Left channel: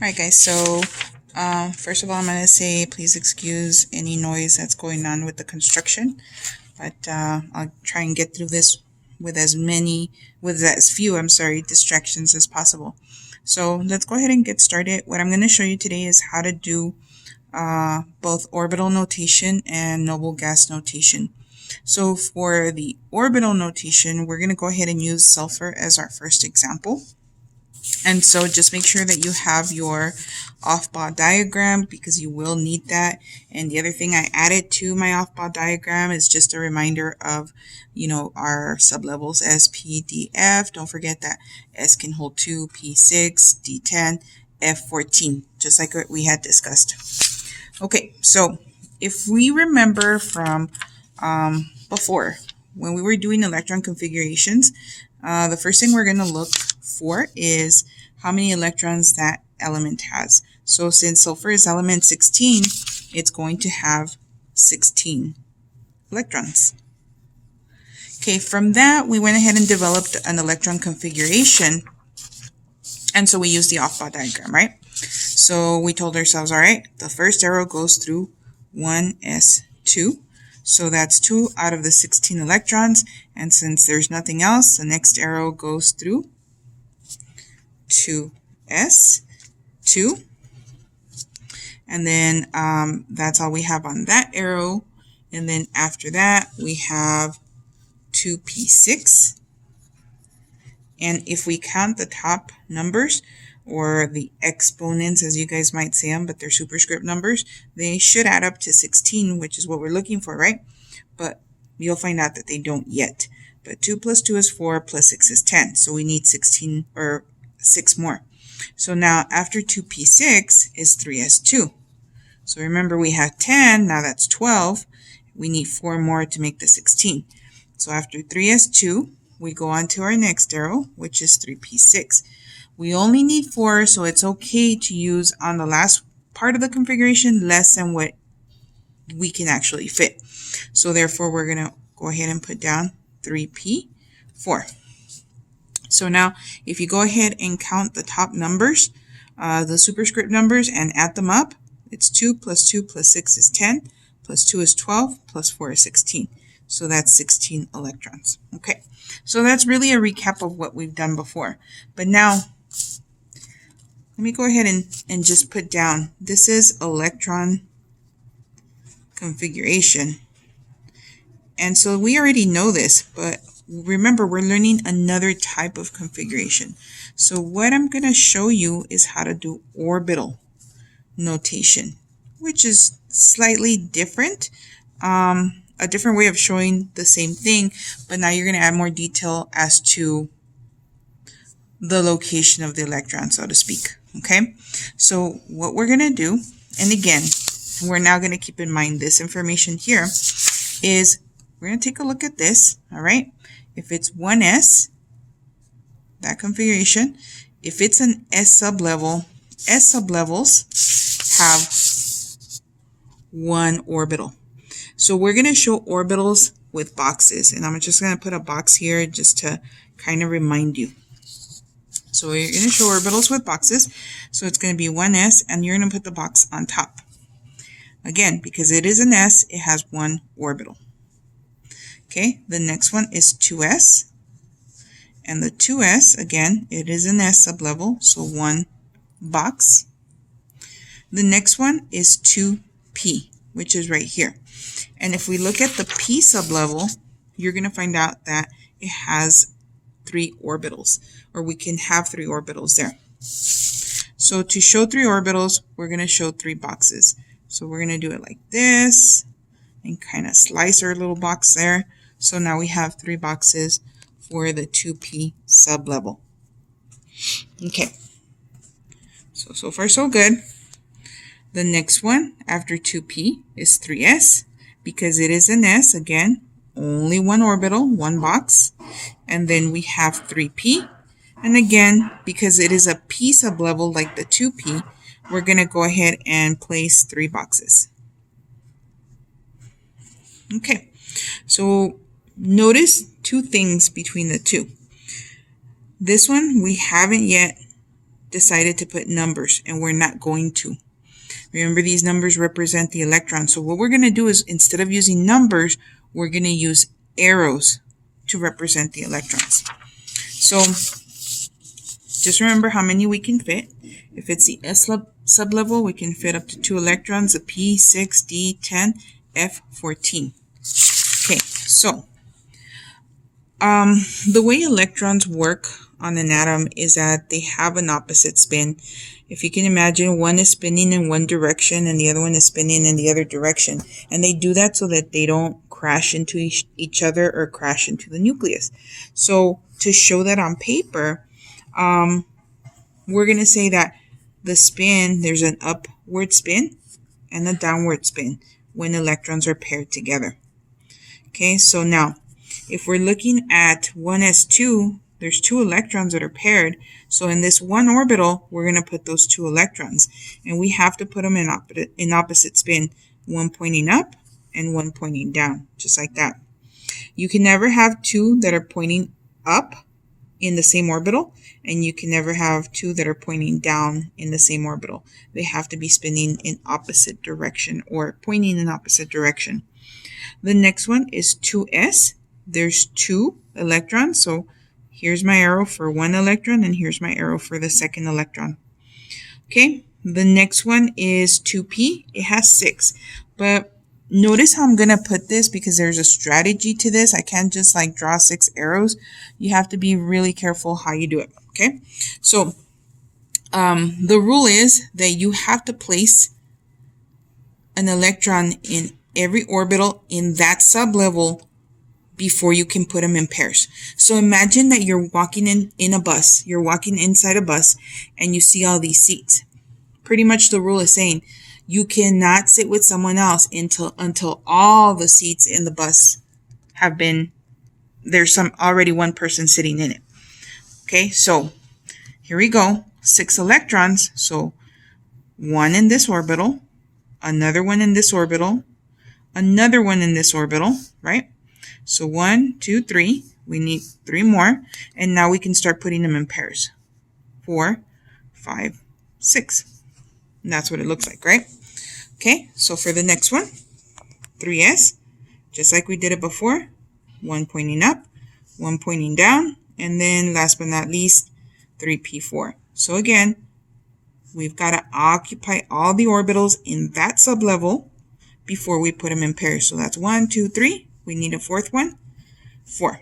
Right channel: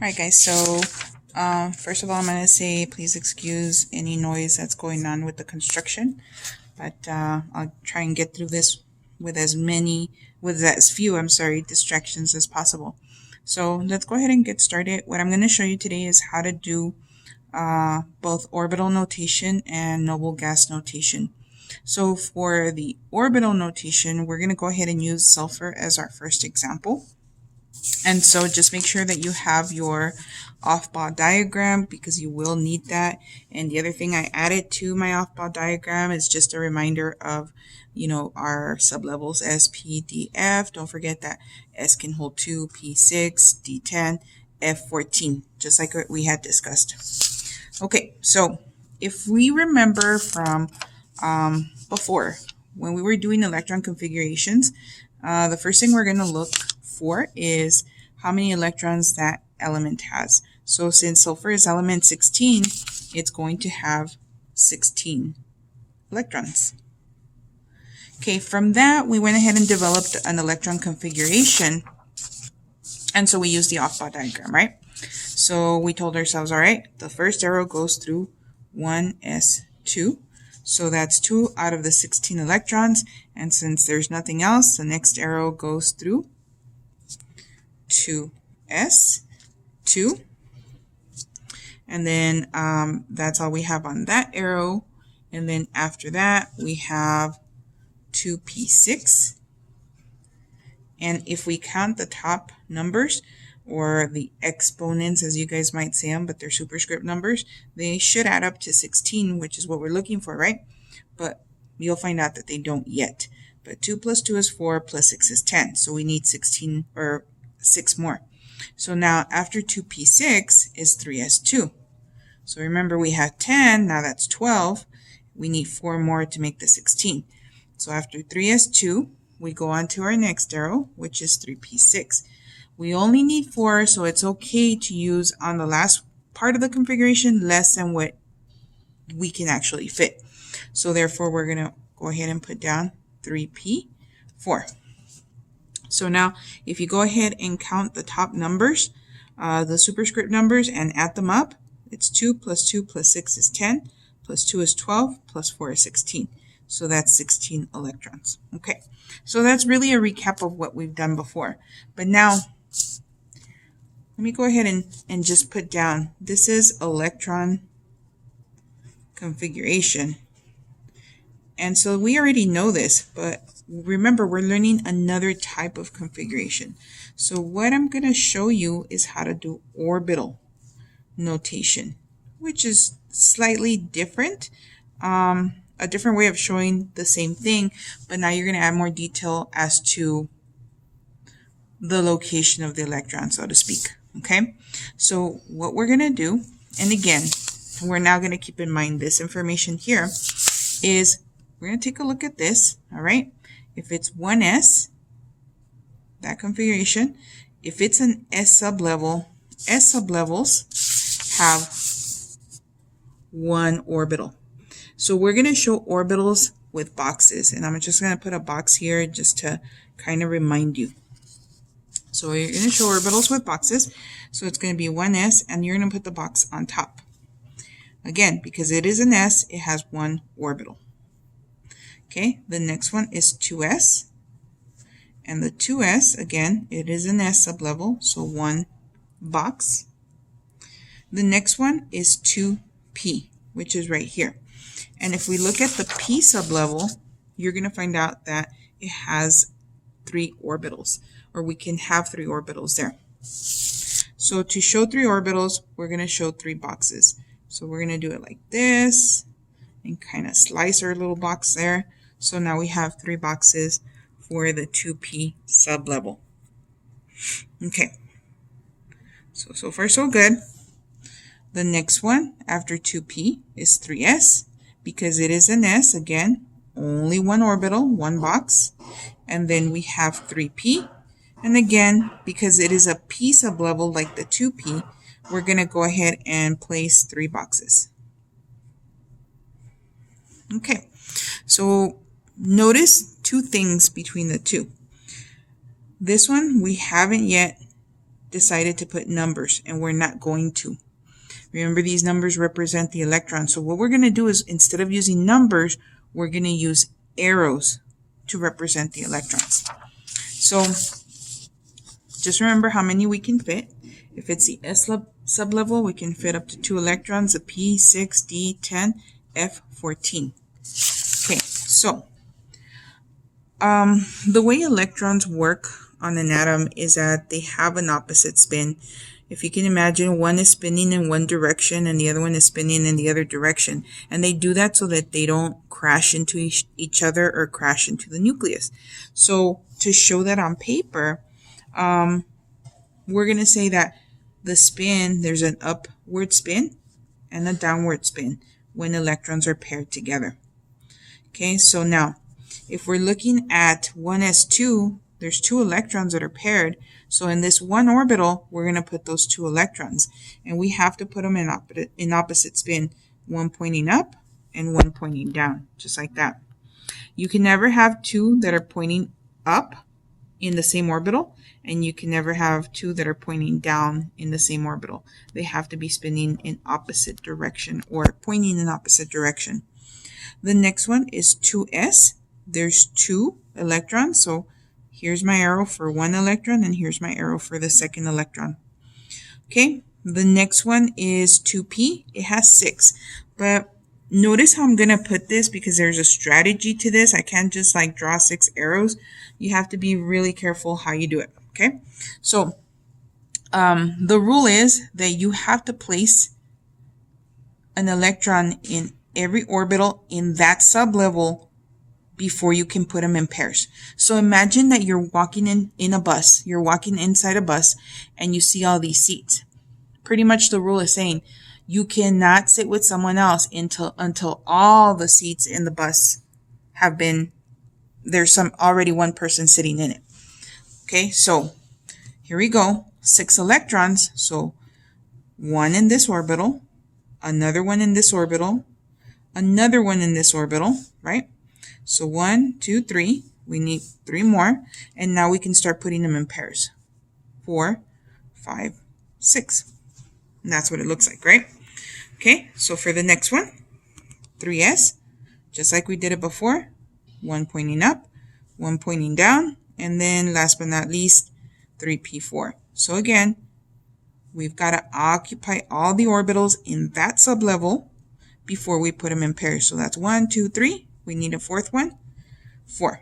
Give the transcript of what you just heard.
Alright guys, so first of all I'm going to say please excuse any noise that's going on with the construction, but I'll try and get through this with as few distractions as possible. So let's go ahead and get started. What I'm going to show you today is how to do both orbital notation and noble gas notation. So for the orbital notation, we're going to go ahead and use sulfur as our first example. And so just make sure that you have your off-ball diagram, because you will need that. And the other thing I added to my off-ball diagram is just a reminder of, our sublevels S, P, D, F. Don't forget that S can hold 2, P 6, D 10, F 14, just like what we had discussed. Okay, so if we remember from before, when we were doing electron configurations, the first thing we're going to look for is how many electrons that element has. So since sulfur is element 16, it's going to have 16 electrons. Okay, from that we went ahead and developed an electron configuration, and so we used the off-ball diagram, right? So we told ourselves, all right, the first arrow goes through 1s2. So that's 2 out of the 16 electrons. And since there's nothing else, the next arrow goes through 2s2. And then that's all we have on that arrow. And then after that, we have 2p6. And if we count the top numbers, or the exponents as you guys might say them, but they're superscript numbers, they should add up to 16, which is what we're looking for, right? But you'll find out that they don't yet. But 2 plus 2 is 4, plus 6 is 10. So we need 16 or 6 more. So now after 2p6 is 3s2. So remember we have 10, now that's 12. We need 4 more to make the 16. So after 3s2, we go on to our next arrow, which is 3p6. We only need 4, so it's okay to use on the last part of the configuration less than what we can actually fit. So therefore, we're going to go ahead and put down 3p4. So now, if you go ahead and count the top numbers, the superscript numbers, and add them up, it's 2 plus 2 plus 6 is 10, plus 2 is 12, plus 4 is 16. So that's 16 electrons. Okay, so that's really a recap of what we've done before. But now, let me go ahead and just put down, this is electron configuration. And so we already know this, but remember, we're learning another type of configuration. So what I'm going to show you is how to do orbital notation, which is slightly different. A different way of showing the same thing, but now you're going to add more detail as to the location of the electron, so to speak. Okay, so what we're going to do, and again, we're now going to keep in mind this information here, is we're going to take a look at this. All right, if it's 1s, that configuration, if it's an s sublevel, s sublevels have one orbital. So we're going to show orbitals with boxes, and I'm just going to put a box here just to kind of remind you. So we're going to show orbitals with boxes. So it's going to be 1s, and you're going to put the box on top. Again, because it is an s, it has one orbital. Okay, the next one is 2s. And the 2s, again, it is an s sublevel, so one box. The next one is 2p, which is right here. And if we look at the p sublevel, you're going to find out that it has 3 orbitals, or we can have 3 orbitals there. So to show 3 orbitals, we're going to show 3 boxes. So we're going to do it like this and kind of slice our little box there. So now we have 3 boxes for the 2p sublevel. Okay. So far so good. The next one after 2p is 3s. Because it is an s, again, only one orbital, one box. And then we have 3p. And again, because it is a p sublevel like the 2p, we're going to go ahead and place 3 boxes. Okay, so notice 2 things between the two. This one, we haven't yet decided to put numbers, and we're not going to. Remember, these numbers represent the electrons. So what we're going to do is, instead of using numbers, we're going to use arrows to represent the electrons. So just remember how many we can fit. If it's the S sublevel, we can fit up to 2 electrons, a P, 6, D, 10, F, 14. Okay, so the way electrons work on an atom is that they have an opposite spin. If you can imagine, one is spinning in one direction and the other one is spinning in the other direction. And they do that so that they don't crash into each other or crash into the nucleus. So to show that on paper, we're going to say that the spin, there's an upward spin and a downward spin when electrons are paired together. Okay, so now if we're looking at 1s2, there's 2 electrons that are paired. So in this one orbital, we're going to put those 2 electrons, and we have to put them in opposite spin, one pointing up and one pointing down, just like that. You can never have 2 that are pointing up in the same orbital, and you can never have 2 that are pointing down in the same orbital. They have to be spinning in opposite direction or pointing in opposite direction. The next one is 2s. There's 2 electrons, so here's my arrow for one electron, and here's my arrow for the second electron. Okay, the next one is 2p. It has 6, but notice how I'm going to put this because there's a strategy to this. I can't just like draw 6 arrows. You have to be really careful how you do it. Okay, so the rule is that you have to place an electron in every orbital in that sublevel before you can put them in pairs. So imagine that you're walking in a bus. You're walking inside a bus and you see all these seats. Pretty much the rule is saying you cannot sit with someone else until all the seats in the bus have been, there's already one person sitting in it. Okay, so here we go. 6 electrons. So 1 in this orbital, another one in this orbital, another one in this orbital, right? So 1, 2, 3. We need 3 more. And now we can start putting them in pairs. 4, 5, 6. And that's what it looks like, right? Okay, so for the next one, 3s, just like we did it before, 1 pointing up, 1 pointing down, and then last but not least, 3p4. So again, we've got to occupy all the orbitals in that sublevel before we put them in pairs. So that's 1, 2, 3. We need a 4th one. 4.